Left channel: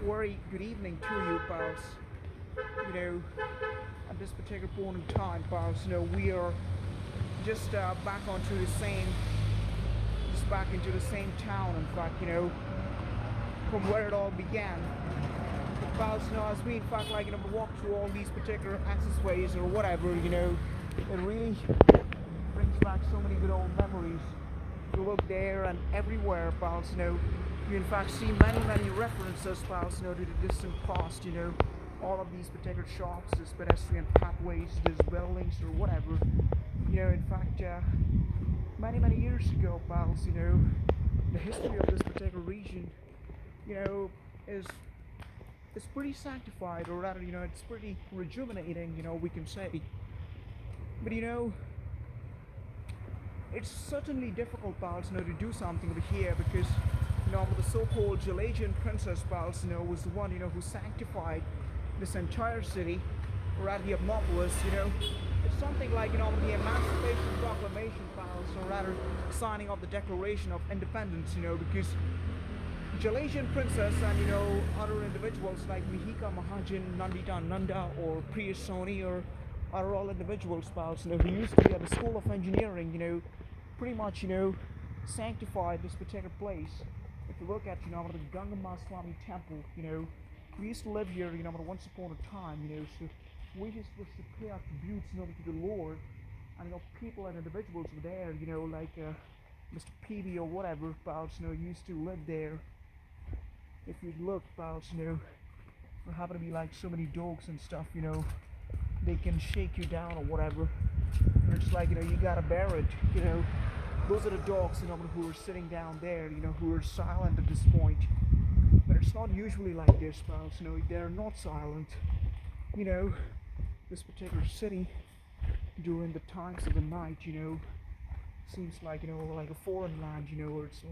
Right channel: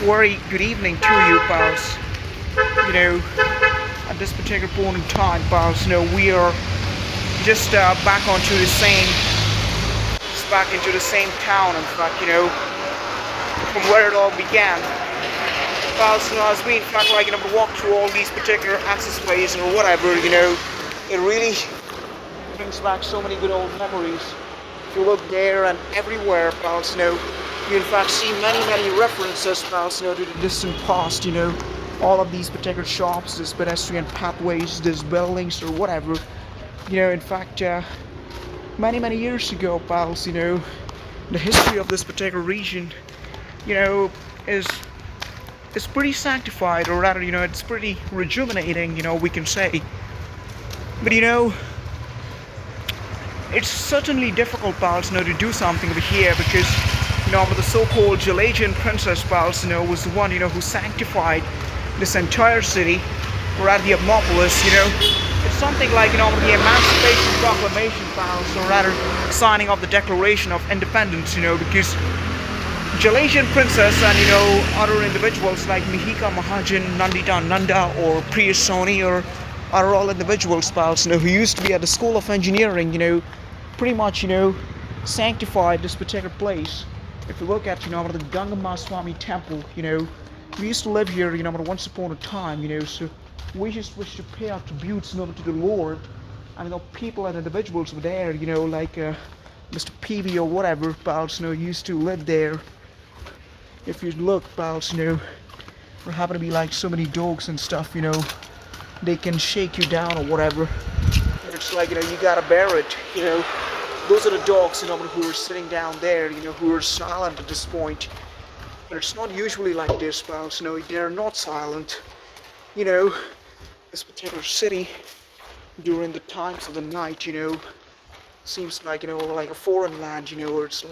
very good evening to you, pals. You know, at this particular point in time, pals, we are just back onto the same, just back into the same town. In fact, from where it all began. Pals, as we in fact walk through all these particular access ways or whatever, it really brings back so many good old memories. If you look there and everywhere, pals, you in fact see many references, pals, to the distant past, all of these particular shops, these pedestrian pathways, these buildings or whatever, in fact, many years ago, pals, the history of this particular region, you know, is pretty sanctified, or rather, it's pretty rejuvenating, we can say. But it's certainly difficult, pals, to do something over here because, with the so-called Jalajian princess, pals, was the one, who sanctified this entire city, or at the Abmopolis, it's something like, with the Emancipation Proclamation, pals, or rather, signing of the Declaration of Independence, because Jalajian princess and, other individuals like Mihika Mahajan, Nandita Nanda, or Priya Soni, or are all individuals, pals, who used to be at the School of Engineering, pretty much, sanctified this particular place. If you look at, the Gangamma Swami temple, we used to live here, once upon a time, so we just wish to pay our tributes, to the Lord. And, people and individuals were there, like Mr. PV or whatever, pals, used to live there. If you look, pals, there happen to be like so many dogs and stuff, they can shake you down or whatever. And it's like, you gotta bear it, Those are the dogs, who are sitting down there, who are silent at this point. But it's not usually like this, pals, they're not silent. This particular city, during the times of the night, seems like, like a foreign land, or it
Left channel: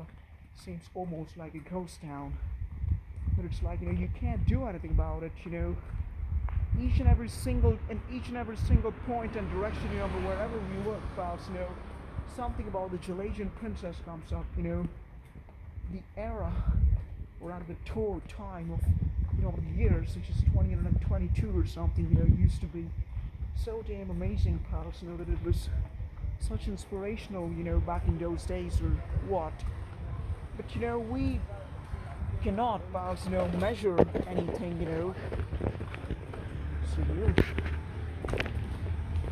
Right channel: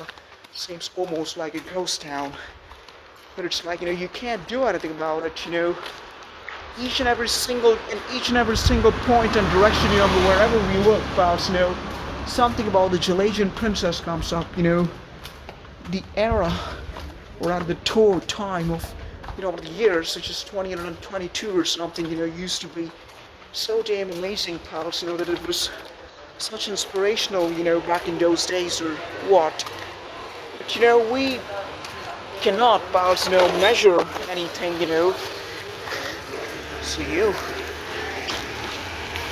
seems almost like a ghost town. But it's like, you can't do anything about it, in each and every single point and direction, wherever we look, pals, something about the Jalajian princess comes up, the era, or at the tour time of, the years, such as 2022 or something, used to be so damn amazing, pals, that it was such inspirational, back in those days or what. But, we cannot, pals, measure anything, see you.